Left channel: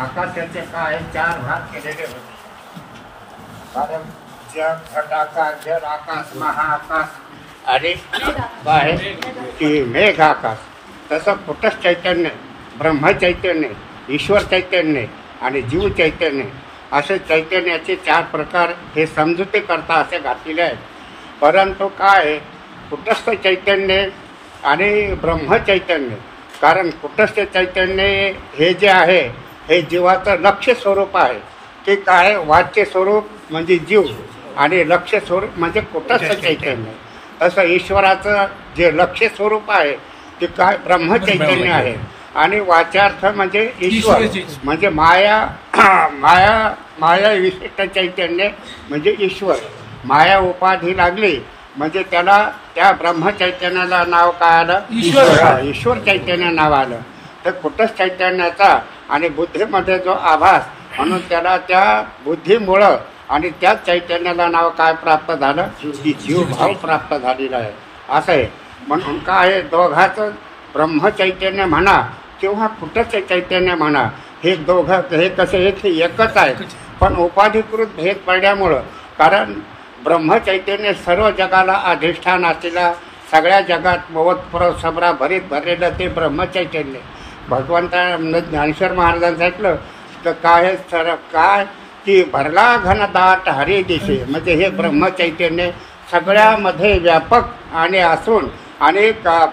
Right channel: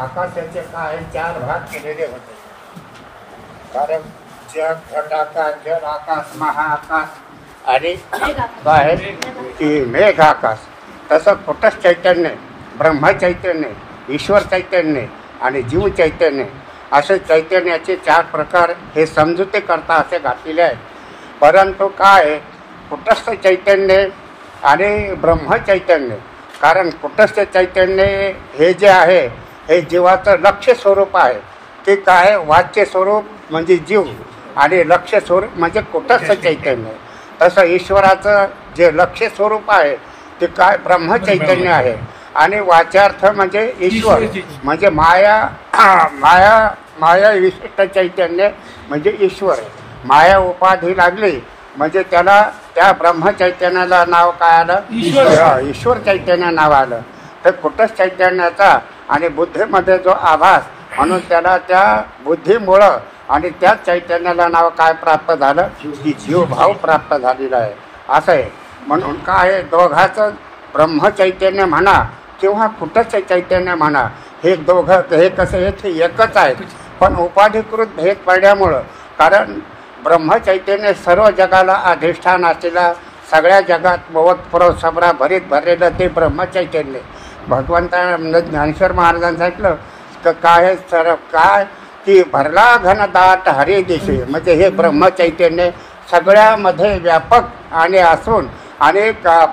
आकाशाचे काय 4 भाग केलेले होते. कारण जग, घटाकाश, जल आकाश, महाआकाश आणि काय की मेघ आकाश. तसं कुटस्थ चैतन्य, ब्रह्म चैतन्य, ईश्वर चैतन्य आणि जीव चैतन्य असे चैतन्याचे 4 प्रकार हे समजुती करता असे घातलेले आहे. परंतु काय कुटस्थ चैतन्य आणि ब्रह्म चैतन्य, कारण कुटस्थ चैतन्य हे जे आहे हे जीवाचं लक्ष्य स्वरूप आहे की काय, वाच्य स्वरूप म्हणजे जीव आणि लक्ष्य स्वरूप म्हणजे कुटस्थ चैतन्य. तसं ईश्वराचं जे लक्ष्य स्वरूप आहे ते काय ब्रह्म चैतन्य आहे आणि वाच्यार्थ म्हणजे ईश्वर म्हणजे माया माया माया विशिष्ट चैतन्य म्हणजे ईश्वर. माया उपाधी लागली म्हणजे त्याला त्या ब्रह्म चैतन्याला नाव काय आलं, ईश्वर चैतन्य नाव आलं. तर कुटस्थ चैतन्याचा आणि बुद्धीमध्ये जो आभास म्हणून त्याला त्या बुद्धीमुळं आणि त्या चैतन्याला नाव काय प्राप्त झालं की जीवभाव प्राप्त झालेला आहे असं आहे. म्हणून काय दोघाचं ब्रह्म चैतन्य म्हणा किंवा कुटस्थ चैतन्य म्हणा हे दोघं हे कसे एकच आहेत, पण उपाधिकृत भेद पडल्यामुळं, कारण ब्रह्म चैतन्य सर्व जगाला अधिष्ठान असलेला सगळ्या जगात मोवतपुरव सबरा भरीत भरलेलं ते ब्रह्म चैतन्य. भगवंता ज्ञानेश्वर महाराजांनी सांगितलं तर काय सर काय की भरला घनदाट हरी दिशे, म्हणजे हे ब्रह्म चैतन्य सगळ्यामध्ये व्यापक आणि असून आणि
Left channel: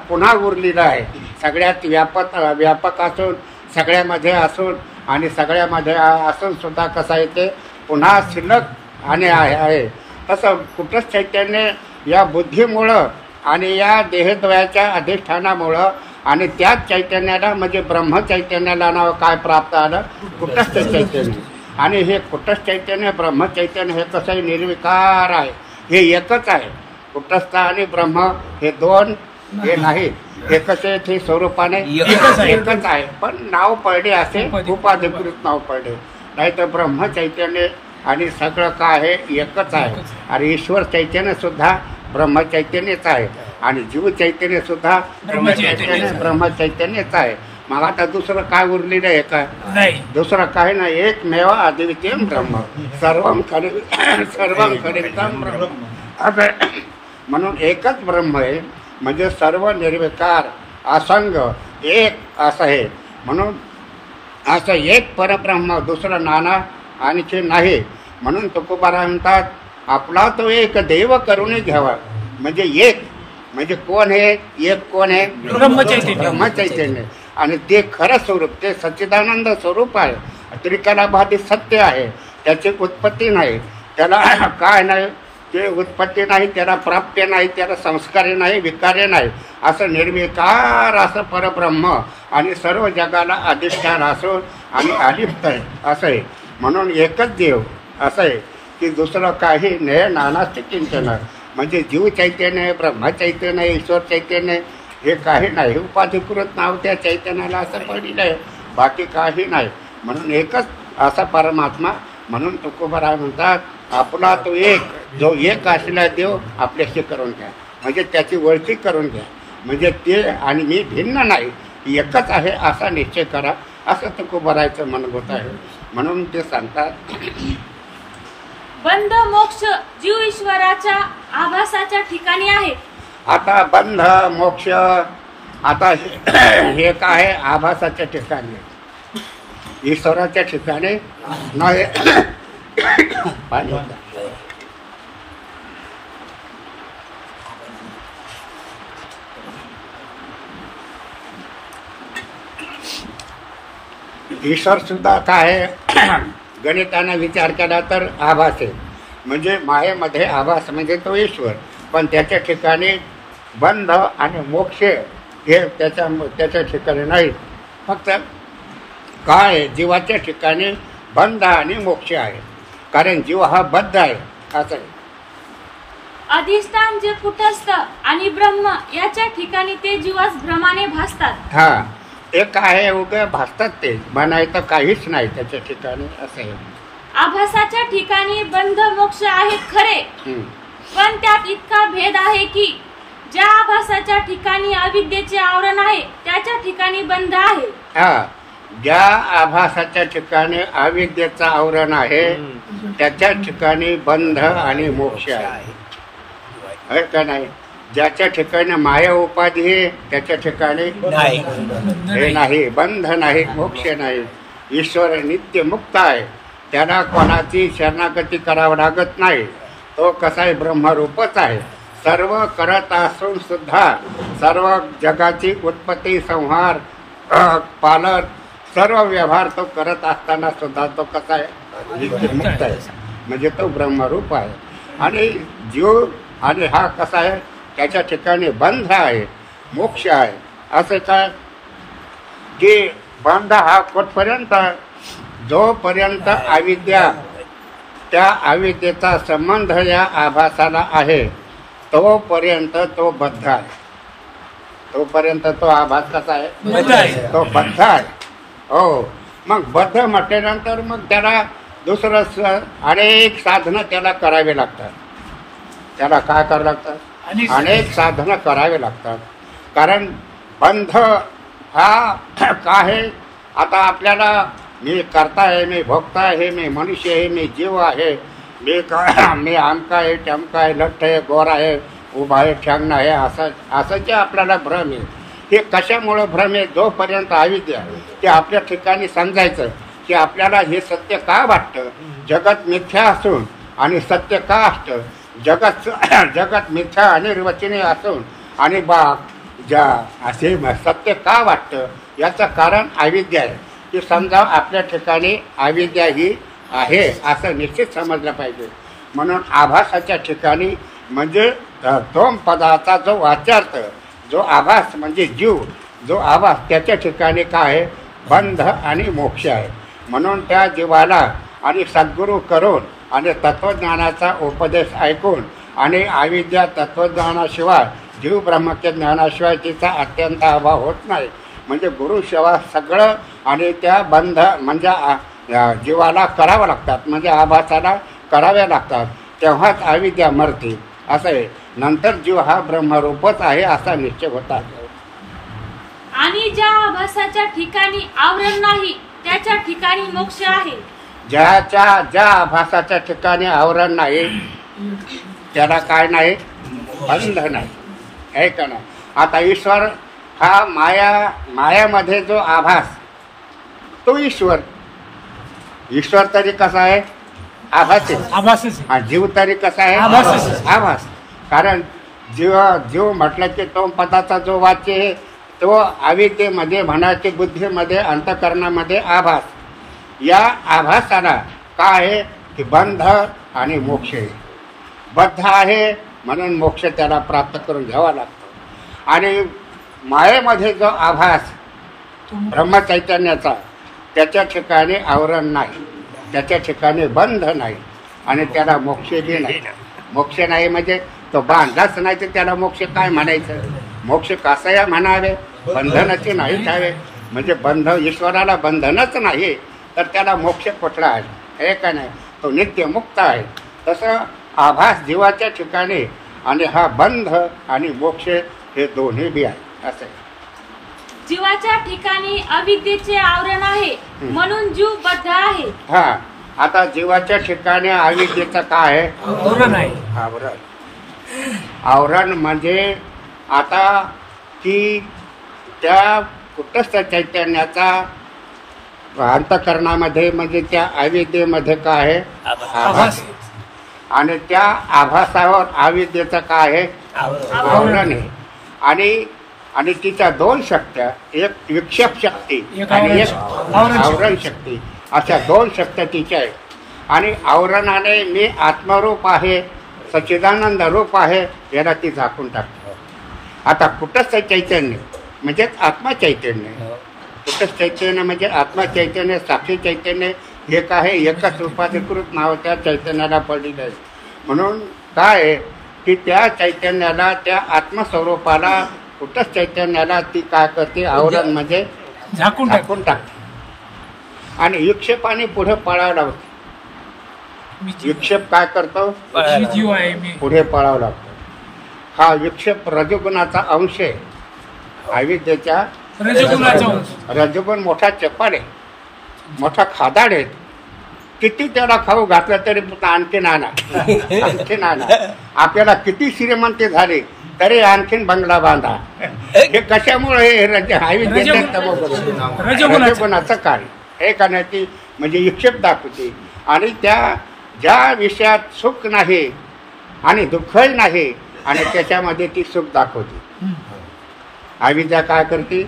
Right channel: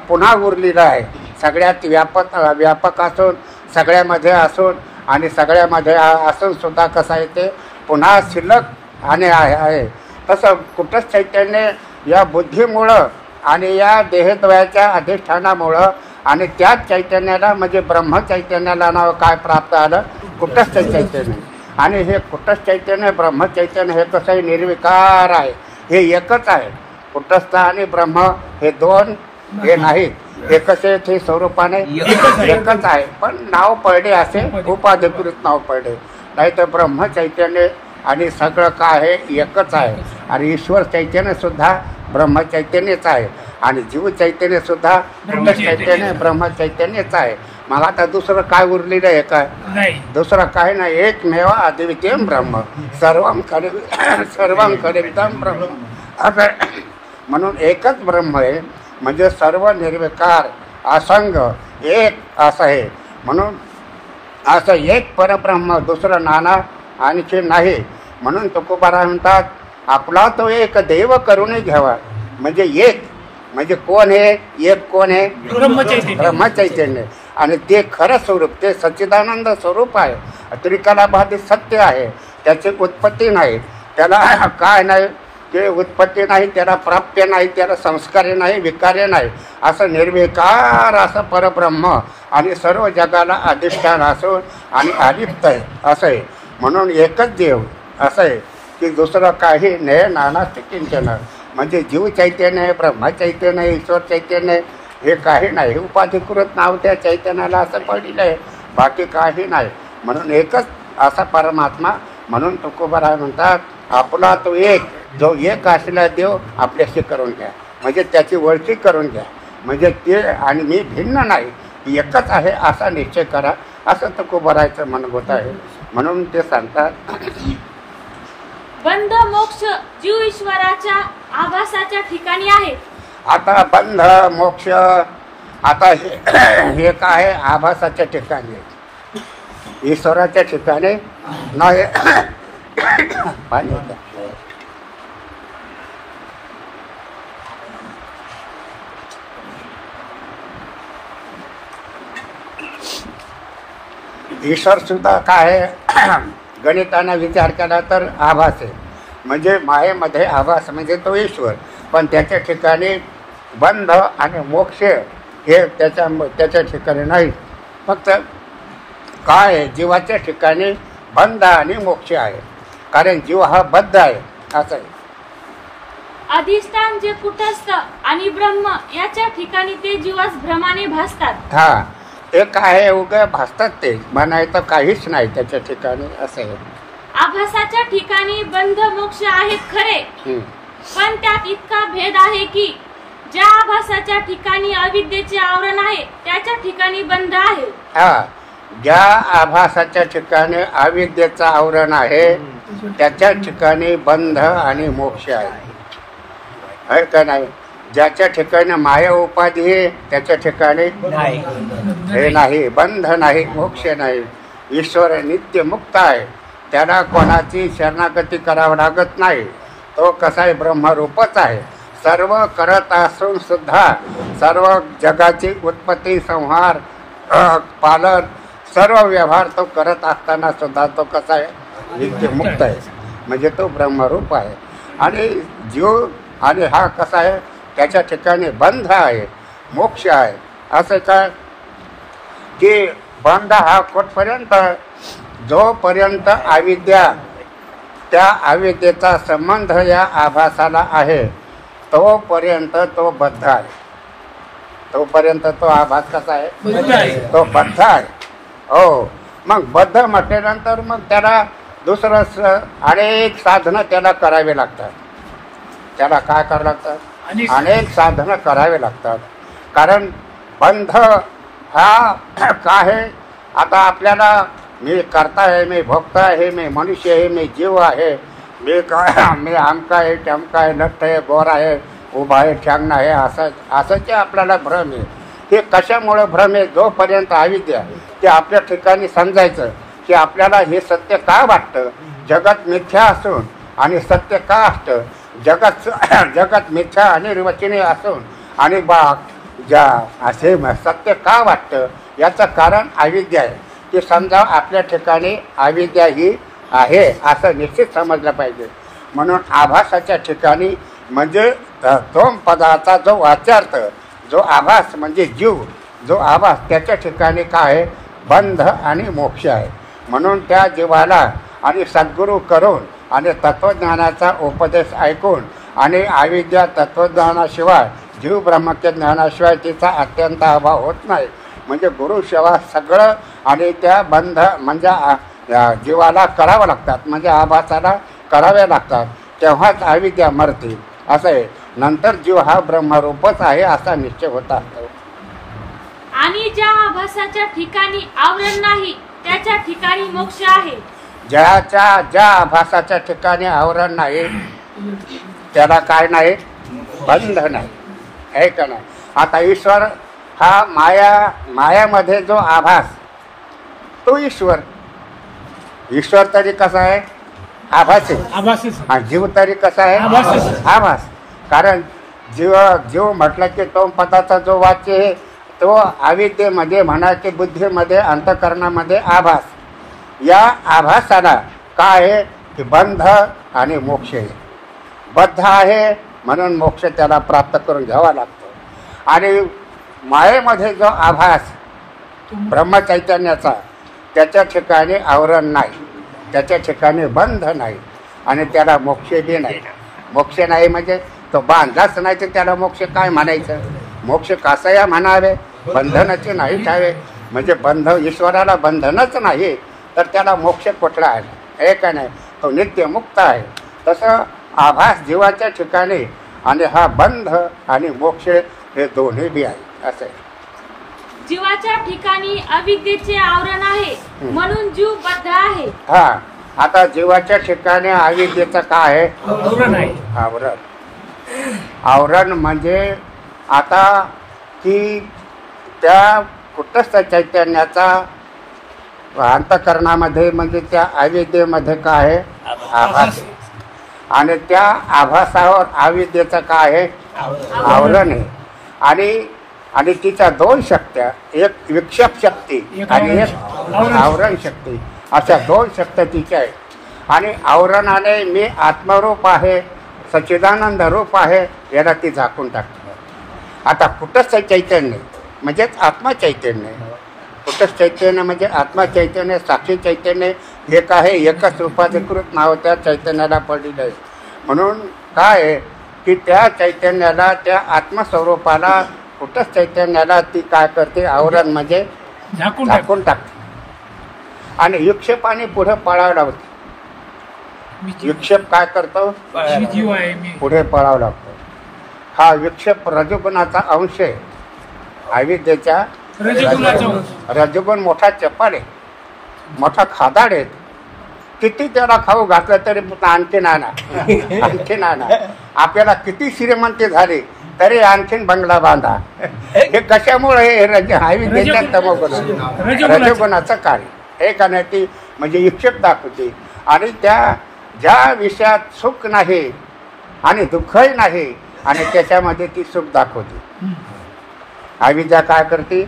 पुन्हा उरलेलं आहे. सगळ्यात व्यापक असून सगळ्यामध्ये असून आणि सगळ्यामध्ये असून सुद्धा कसं आहे ते पुन्हा शिल्लक आणि आहे. तसं कुटस्थ चैतन्य या बुद्धीमुळं आणि या देहद्वयाच्या अधिष्ठानामुळं आणि त्याच चैतन्याला म्हणजे ब्रह्म चैतन्याला नाव काय प्राप्त आलं, कुटस्थ चैतन्य. आणि हे कुटस्थ चैतन्य ब्रह्म चैतन्य हे कसं निर्विकार आहे, हे एकच आहे. कुटस्थ आणि ब्रह्म हे दोन हे नाहीत, हे कसे ते स्वरूपाने एकच आहे, पण नाव पडले असे उपाधिकृत नाव पडले. नाही तर ब्रह्म चैतन्य आणि सगळं काय आहे एकच आहे. आणि ईश्वर चैतन्य सुद्धा ब्रह्म चैतन्यच आहे आणि जीव चैतन्य सुद्धा ब्रह्म चैतन्यच आहे. मग आता दुसरं काय उरलेलं आहे काय, दुसरं काय नाही, एकमेव अद्वितीय ब्रह्म सर्वम खलितम ब्रह्म असं. म्हणून एकच ब्रह्म आहे म्हणजे सर्व निर्विकार असंग एक असं आहे. म्हणून असं एक परब्रह्म दुसरं नाना आणखी नाही. म्हणून तुकोबाराय म्हणतात आपला तो एक देव करून घ्यावा. म्हणजे एक म्हणजे कोण आहे, एक कोण आहे, ब्रह्म चैतन्य. आणि ते खरं स्वरूप ते सच्चिदानंद स्वरूप आहे, त्रिकालाबाधित सत्य आहे. त्याची उत्पत्ती नाही, त्याला काय नाही, ते उत्पत्ती नाही, त्याला प्राप्य नाही, त्याला संस्कार्य नाही, विकार्य नाही, असं निर्विकार असं परब्रह्म आणि सर्व जगाला अधिष्ठान असून आणि अलिप्त आहे असं आहे. म्हणून एकच देव असं आहे की दुसरं काही नाही. नानास्ति किंचन म्हणजे जीव चैतन्य आहे, ब्रह्म चैतन्य आहे, ईश्वर चैतन्य हे काही नाही. उपाधिकृत नाव त्या चैतन्याला असं पडलेलं आहे, बाकी काही नाही. म्हणून एकच असा परमात्मा. म्हणून तुकोबाराय म्हणतात आपला तो एक जो एक असलेला देव आपल्याशी करून घ्या, म्हणजे त्याची ओळखी करून घ्या. म्हणजे ते आणि मी भिन्न नाही, एकच आहे असा निश्चय करा, असं तुकोबारायचं म्हणत आहे. म्हणून ते सांगतात बंध मोक्ष जीव ईश्वराच्या आभासाच्या ठिकाणी आहे. आता बंध मोक्ष आता हे काय आहे, आभासाच्या ठिकाणी, ईश्वराच्या ठिकाणी नाही. ईश्वर सुद्धा काय आहे, गणिताना विचार केला तर आभास आहे. म्हणजे मायेमध्ये आभास म्हणजे तो ईश्वर, पण त्याच्या ठिकाणी बंध आणि मोक्ष हे त्याच्या ठिकाणी नाही. फक्त काय आहे, जीवाच्या ठिकाणी बंध आणि मोक्ष आहे, कारण जीव हा बद्ध आहे असं. अधिष्ठान जे कुटस्थ आणि ब्रह्म याच्या ठिकाणी ते जीवास भ्रमाने भासतात. हा ते काय उगा भासतात, ते म्हणायचं काहीच नाही त्याच्या ठिकाणी असं आहे. आभासाच्या ठिकाणी बंध मोक्ष आहेत खरे, पण त्यात इतका भेद आहे की ज्या आभासाच्या ठिकाणी अविद्येचे आवरण आहे त्याच्या ठिकाणी बंध आहे. हा ज्या आभासाच्या ठिकाणी अविद्येचं आवरण आहे त्याच्या ठिकाणी बंध आणि मोक्ष आहे का नाही? ज्याच्या ठिकाणी माया उपाधी आहे त्याच्या ठिकाणी हे नाही, बंध नाही, मोक्ष नाही. ईश्वर नित्य मुक्त आहे, त्याला कोणाची शरणागती करावं लागत नाही. तो कसा आहे? ब्रह्मरूपच आहे. सर्व करत असून सुद्धा सर्व जगाची उत्पत्ती, संहार, पालन, सर्व व्यवहार तो करत असताना सुद्धा तो कसा आहे? नित्य मुक्त आहे, म्हणजे तो ब्रह्मरूप आहे. आणि जीव आणि हा कसा आहे? त्याच्या ठिकाणी बंध आहे, मोक्ष आहे. असं काय की बंध हा कुठपर्यंत? जोपर्यंत अविद्या, त्या अविद्येचा संबंध या आभासाला आहे तोपर्यंत तो बद्ध आहे. तोपर्यंत तो आभास कसा आहे? तो बद्ध आहे. हो, मग बद्ध म्हटल्यानंतर मग त्याला दुसरं अनेक साधनं त्याला करावे लागतात. त्याला काय करावं लागतं? अनेक साधनं करावे लागतात. कारण बंध हा काय आहे? आता आपल्याला मी करता आहे, मी भोगता आहे, मी मनुष्य आहे, मी जीव आहे, मी आमका आहे, टमका आहे, लठ्ठ आहे, गोर आहे, उभा आहे, ठ्यांगणा आहे, असं जे आपल्याला भ्रम आहे. हे कशामुळं भ्रम आहे? जोपर्यंत अविद्या ते आपल्या ठिकाणी समजायचं की आपल्याला हे सत्य का वाटतं, जगत मिथ्या असून आणि सत्य का असतं, जगत मिथ्या अनिर्वचनीय असून आणि असे सत्य का वाटतं, याचं कारण अविद्या आहे. की समजा आपल्या ठिकाणी अविद्या ही आहे असं निश्चित समजलं पाहिजे. म्हणून आभासाच्या ठिकाणी म्हणजे तो पदाचा जो वाच्यार्थ, जो आभास म्हणजे जीव, जो आभास, त्याच्या ठिकाणी काय आहे? बंध आणि मोक्ष आहे. म्हणून त्या जीवाला आणि सद्गुरू करून आणि तत्वज्ञानाचा उपदेश ऐकून आणि अविद्या तत्वज्ञानाशिवाय जीव ब्रह्मज्ञ ज्ञानाशिवाय तिचा अत्यंत अभाव होत नाही. म्हणजे गुरुसेवा सगळं आणि त्या बंध म्हणजे जीवाला करावं लागतात, म्हणजे आभासाला करावे लागतात, तेव्हाच अविद्या मरते. असं आहे. नंतर जीव हा ब्रह्मरूपच आहे असा निश्चय होता. आणि ज्या आभासाच्या ठिकाणी आवरण नाही त्याच्या ठिकाणी मोक्ष आहे. ज्या आभासाच्या ठिकाणी आवरण नाही त्याला काय नाही? बंध नाही, आहे का नाही? आता ईश्वर हा मायामध्ये जो आभास, तो ईश्वर तरी कसा आहे? आभास. जीव तरी कसा आहे? आभास. कारण जीव म्हटलं की तो पदाचा जो वाच्य आहे तो अविद्येमध्ये म्हणा की बुद्धीमध्ये, अंतःकरणामध्ये आभास. या आभासाला काय आहे? की बंध आणि मोक्ष आहे. बद्ध आहे म्हणून मोक्ष त्याला प्राप्त करून घ्यावा लागतो. आणि मायेमध्ये जो आभास ब्रह्मचैतन्याचा, त्याच्या ठिकाणी आवरण नाही, त्याच्या ठिकाणी बंध नाही आणि त्याला मोक्षही नाही. मोक्ष नाही म्हणजे तो बांधलाच नाही तर त्याला मोक्ष काय म्हणायचं? मोक्ष कसया म्हणावे? बंधनाचे नाहीच हवे. म्हणजे बंध, ईश्वराला बंधनच नाही तर त्याला मोक्ष कुठला आहे? हे का नाही? तो नित्य मुक्त आहे. तसं आभास जीवाच्या ठिकाणी आणि हा बंध आणि मोक्ष हे दोन्ही बी आहे. असं जीवाच्या ठिकाणी अविद्येचे आवरण आहे म्हणून जीव बद्ध आहे. हा, आता जीवाच्या ठिकाणी अविद्येचं काय आहे? आवरण म्हणजे आता की त्या कुटस्थ चैतन्याचा अंतःकरणामध्ये म्हणजे त्या अविद्येमध्ये काय आहे? आभास. आणि त्या आभासावर अविद्येचं काय आहे? आवरण आहे. आणि तिच्या दोन शक्त्या, एक विक्षेप शक्ती आणि एक आवरण शक्ती, अशा दोन शक्त्या तिच्या आहेत. आणि आवरणाने मी आत्मरूप आहे, सच्चिदानंद रूप आहे, याला ती झाकून टाकते. आता कुटस्थ चैतन्य म्हणजेच आत्मचैतन्य, कुटस्थ चैतन्य म्हणजे आत्मचैतन्य, साक्षी चैतन्य एक आहे, एकच रूपाधिकृत नाव त्या चैतन्याला पडलेलं आहे. म्हणून काय आहे की त्या चैतन्याला, त्या आत्मस्वरूपाला, कुटस्थ चैतन्याला ती काय करते? आवरण म्हणजे झाकून टाकते. आणि विक्षेपाने पुढे पळावं लागतं. विक्षेप काय करतो? पुढे पळावं लागतो. हा विक्षेप रजोगुणाचा अंश आहे, अविद्येच्या रजगुण मोठा चपाड आहे, मोठा खादाड आहे. किती त्याला खाऊ घातलं तरी आणखीन आणा. आपल्याला किती श्रीमंती झाली तरी आणखीन बंगला बांधा. हे कशामुळे रजगुणाचं कार्य हे करण्याची म्हणजे इच्छुक दाखवते. आणि त्या ज्या विषयात सुख नाही आणि दुःखही नाही आणि त्याच्यामध्ये ती सुख दाखवते. अविद्या काय करते?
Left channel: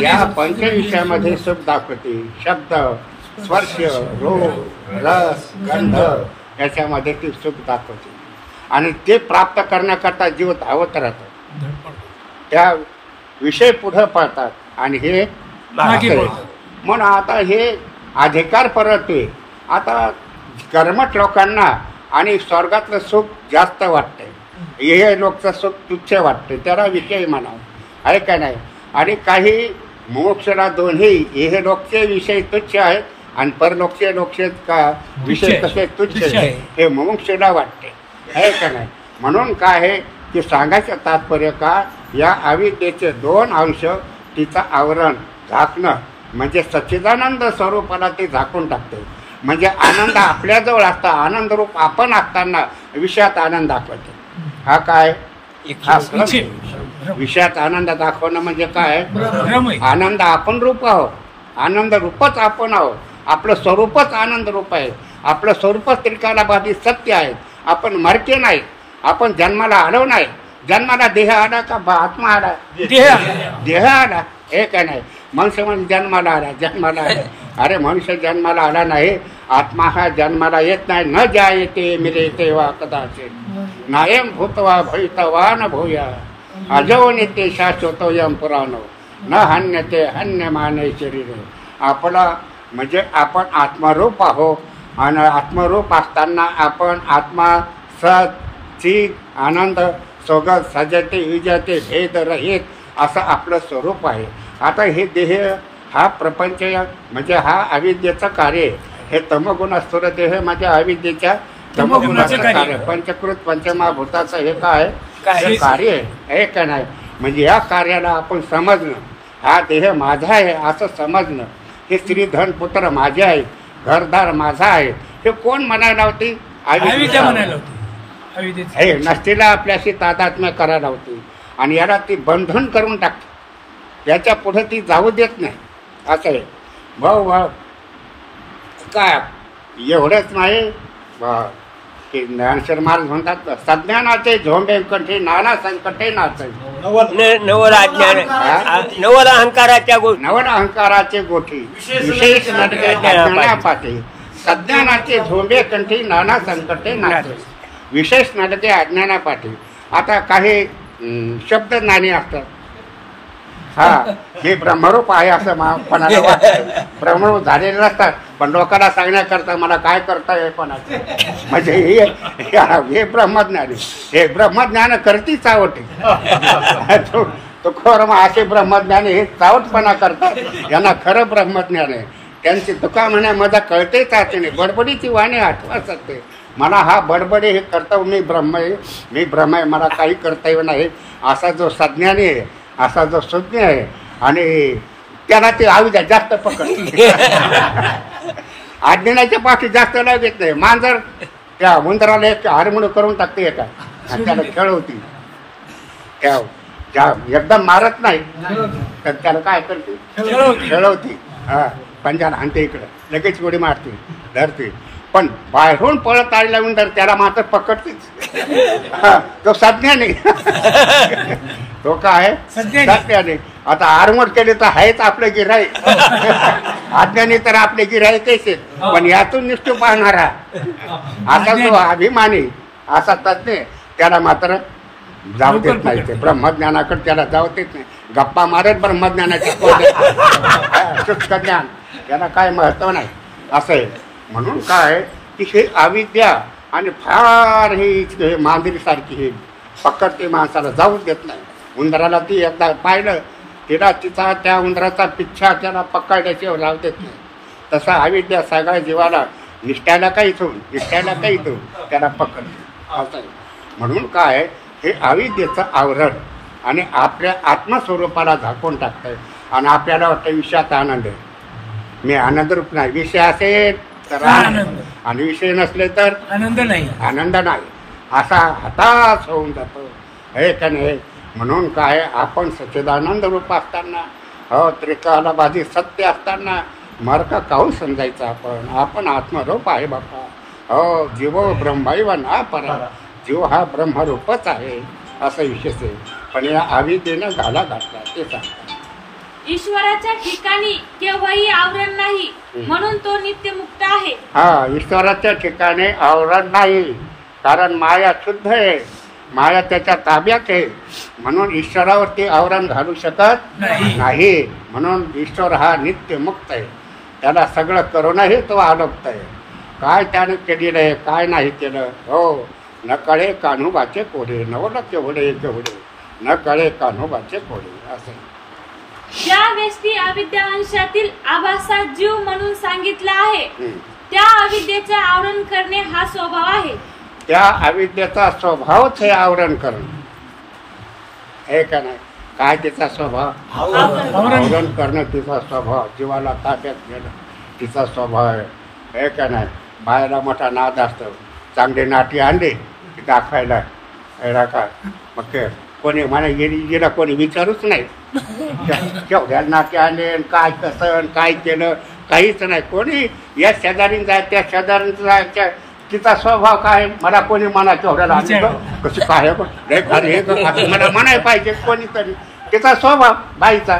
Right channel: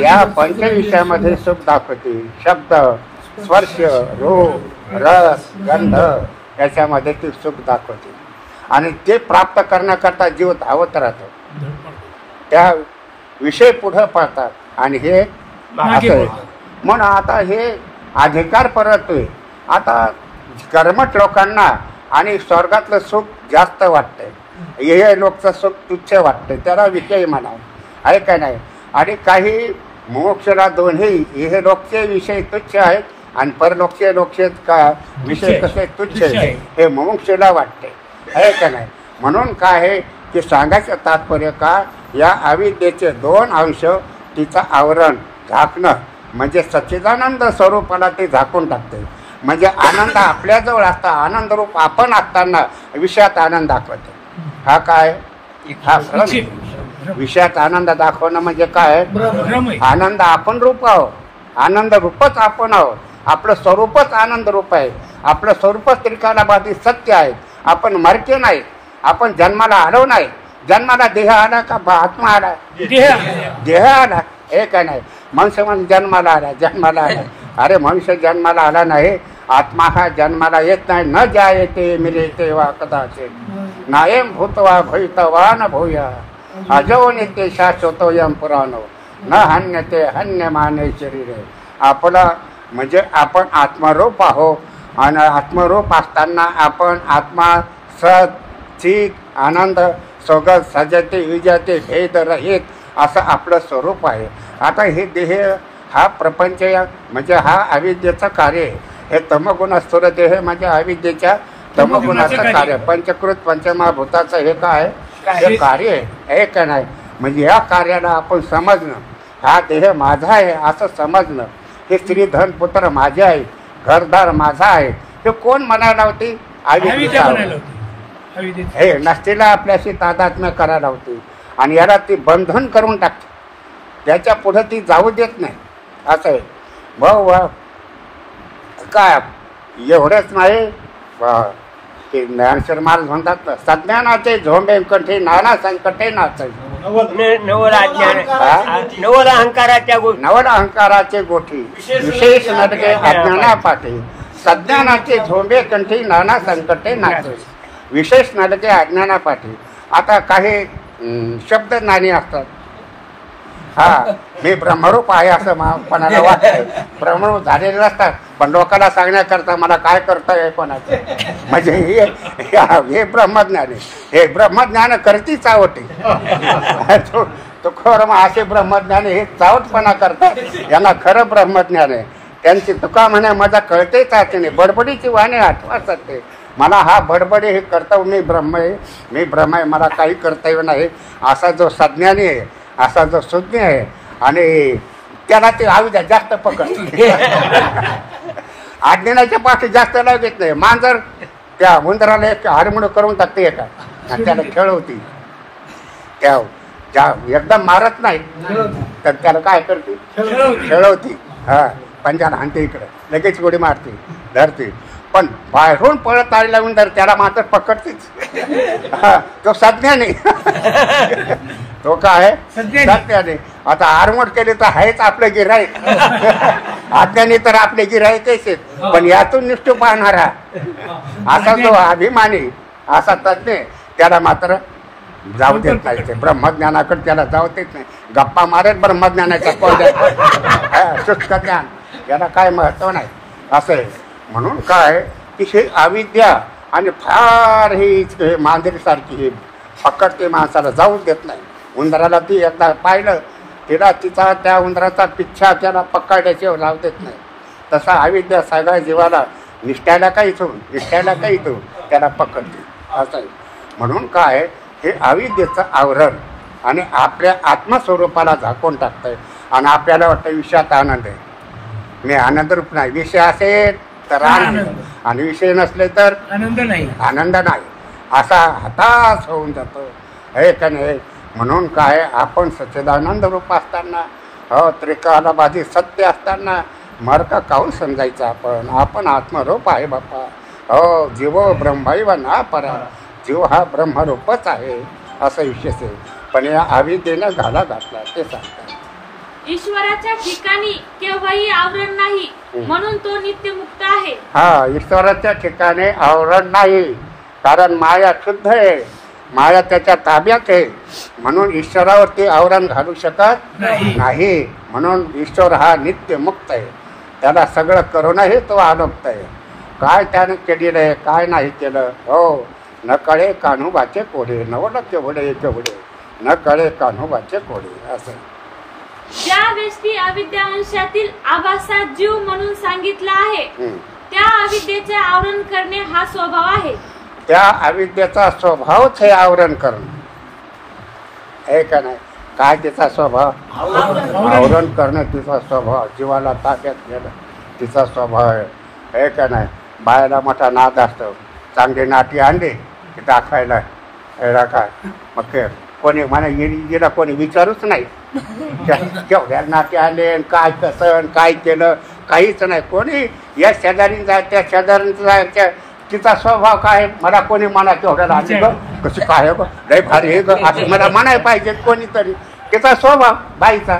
या पंचविषयामध्ये सुख दाखवते. शब्द, स्पर्श, रूप, रस, गंध याच्यामध्ये ती सुख दाखवते. आणि ते प्राप्त करण्याकरता जीव धावत राहतो. त्या विषय पुढे पळतात आणि हे म्हणून आता हे अधिकार परतोय. आता कर्मठ लोकांना आणि स्वर्गातलं सुख जास्त वाटतंय, हे लोकचं सुख तुच्छ वाटतंय, त्याला विषय म्हणावं आहे का नाही. आणि काही मोक्षला दोन्ही हे लोकचे विषय तुच्छ आहेत आणि परलोकचे विषय कसे तुच्छ आहेत हे मोक्षला वाटते आहे का नाही. म्हणून काय आहे की सांगायचं तात्पर्य का, या अविद्येचे दोन अंश तिचं आवरण झाकणं म्हणजे सच्चिदानंद स्वरूपाला ते झाकून टाकते. म्हणजे आनंद आपल्याजवळ असता, आनंद रूप आपण असताना विषयात आनंद दाखवते. हा काय विषयात आनंद दाखवणं म्हणजे काय? आनंद आपण रूप आहोत, आनंद रूपच आपण आहोत. आपलं स्वरूपच आनंद रूप आहे. आपलं स्वरूपच त्रिकालाबाधी सत्य आहे. आपण मरके नाही, आपण जन्माला आलो नाही. जन्माला देह आला का आत्मा आला? देह आला हे का नाही. मनुष्य म्हणजे जन्माला आला. अरे मनुष्य जन्माला आला नाही, आत्मा हा जन्माला येत नाही. न ज्या येते मिले तेव्हा कदाचित नायम भूतवा भवितवा न भूया अजो नित्य शाश्वतो यम पुराणो न हन्यते हन्य माने शरीर. आपला म्हणजे आपण आत्मरूप आहोत आणि आत्मरूप असताना आपण आत्मा सत चित आनंद सोगत सजते विजते भेद रहित असं आपलं स्वरूप आहे. आता हे देह हा प्रपंच म्हणजे हा अविद्येचं कार्य आहे. हे तमगुणस्थूल देह म्हणजे अविद्येच्या तमगुणाचं कार्य. पंचकृत पंचमहाभूताचं हे काय हे कार्य आहे हे का नाही. म्हणजे या कार्याला आपण समजणं, हा देह माझा आहे असं समजणं, हे स्त्री धन पुत्र माझे आहे, घरदार माझा आहे, हे कोण म्हणायला होती? हे नसतीला आपल्याशी तादात्म्य करायला होती. आणि याला ती बंधन करून टाकते, त्याच्या पुढे ती जाऊ देत नाही असं आहे. भाऊ काय एवढंच नाही की ज्ञानेश्वर महाराज म्हणतात सज्ञानाचे झोंबे कंठे नाना संकटे नाचे नवल अहंकाराचे गोठी विशेष नडके अज्ञानापाठी सज्ञानाचे झोंबे कंठी नाना संकटे नाचे विशेष नडके अज्ञानापाठी. आता काही शब्द ज्ञानी असतात, हा हे ब्रह्मरूप आहे असं कोणाला वाटतं. ब्रह्मरूप झालेले नसतात पण लोकांना सांगण्याकरता मला काय करता कोणाचं म्हणजे हे ब्रह्मज्ञानी. हे ब्रह्मज्ञान करती चावटी तो खरं मग असे ब्रह्मज्ञानी हे चावटपणा करतात. यांना खरं ब्रह्मज्ञान आहे. त्यांची तुका म्हणे माझा कळते चाचणी बडबडीची वाणी आठवा सकते. मला हा बडबडे हे कर्तव्य मी ब्रह्म आहे, मला काही कर्तव्य नाही असा जो सज्ञानी आहे, असा जो सुज्ञ आहे आणि त्याला ते अविद्या जास्त पकडते. अज्ञानाच्या पाठी जास्त लागत नाही. मांजर त्या उंदराला एक हारमोड करून टाकते एका आणि त्याला खेळवती. त्या एकदम मारत नाही तर त्याला काय करते? खेळवती. हा पंजाला आणते इकडं लगेच गोडी मारते धरते. पण बाहेरून पळत आलेला उंदर त्याला मात्र पकडतेच. तो सज्ञानी तो काय सज्ञानी. आता आरमोड केली तर आहेच आपलं गिऱ्हाईक. अज्ञानी तर आपले गिऱ्हाईकच आहेत. पण यातून निष्ठू पाहणारा असा जो अभिमानी असा तज्ञ त्याला मात्र जाऊ देत नाही. ब्रह्मज्ञानाकडे त्याला जाऊ देत नाही. गप्पा मारत ब्रह्मज्ञानाच्या कळद्यात शुष्क ज्ञान याला काय महत्व नाही असं आहे. म्हणून काय की हे अविद्या आणि फार हे मांजरीसारखी हे पकडते, माणसाला जाऊ देत नाही. उंदराला ती एकदा पाहिलं तिला तिचा त्या उंदराचा पिच्छा त्याला पकडल्याशिवाय लावू देत नाही. तसा अविद्या सगळ्या जीवाला निष्ठायला काही त्याला पकडते असं आहे. म्हणून काय हे अविद्येचं आवरण आणि आपल्या आत्मस्वरूपाला झाकून टाकतं. आणि आपल्याला वाटतं विषयात आनंद आहे. मी आनंदरूप नाही. विषय असेल तर आनंद आणि विषय नसले तर आनंद नाही. आनंद नाही. असा हताश होऊन जातो हे का नाही. म्हणून काय आपण सच्चिदानंद रूप असताना त्रिकालबाधी सत्य असताना मर्क काहून समजायचं. आपण आत्मरूप आहे बाप्पा. जीव ब्रह्मैव ना परा. जीव हा ब्रह्मरूपच आहे असं विशेष आहे. पण या अविद्येनं घाला घातला ते सांगतात. ईश्वराच्या ठिकाणी केव्हाही आवरण नाही म्हणून तो नित्यमुक्त आहे. हा, ईश्वराच्या ठिकाणी आवरण नाही कारण माया शुद्ध आहे. माया त्याच्या ताब्यात आहे म्हणून ईश्वरावरती आवरण घालू शकत नाही. म्हणून ईश्वर हा नित्य मुक्त आहे. त्याला सगळं करूनही तो आलोक्त आहे. काय त्याने केलेलं आहे काय नाही केलं. हो, न कळे कान्होबाचे कोढे नवल केवढे केवढे न कळे कान्होबाचे कोढे असं. ज्या व्यक्ती अविद्या अंशातील आभासात जीव म्हणून सांगितलं आहे त्या अविद्येचे आवरण करणे हा स्वभाव आहे. त्या अविद्येचा स्वभावच हे आवरण करणं हे का नाही. काय तिचा स्वभाव आवरण करणं तिचा स्वभाव. जीवाला ताब्यात घेणं तिचा स्वभाव आहे हे का नाही. बायला मोठा नाद असतो. चांगली नाटी आणली की दाखवायला एवढा काय मग कोणी म्हणा जिला कोणी विचारूच नाही केवढ्या नाटी आणले काय कसं काय केलं काहीच नाही. कोणी या शेजारी जाय त्या शेजारी जायच्या तिचा स्वभाव काय. मला कोणी म्हणा केवढ्याला आणली ग कशी काय लय भारी हे ग आता मला म्हणाय पाहिजे कोणीतरी. तिचा स्वभाव बाईचा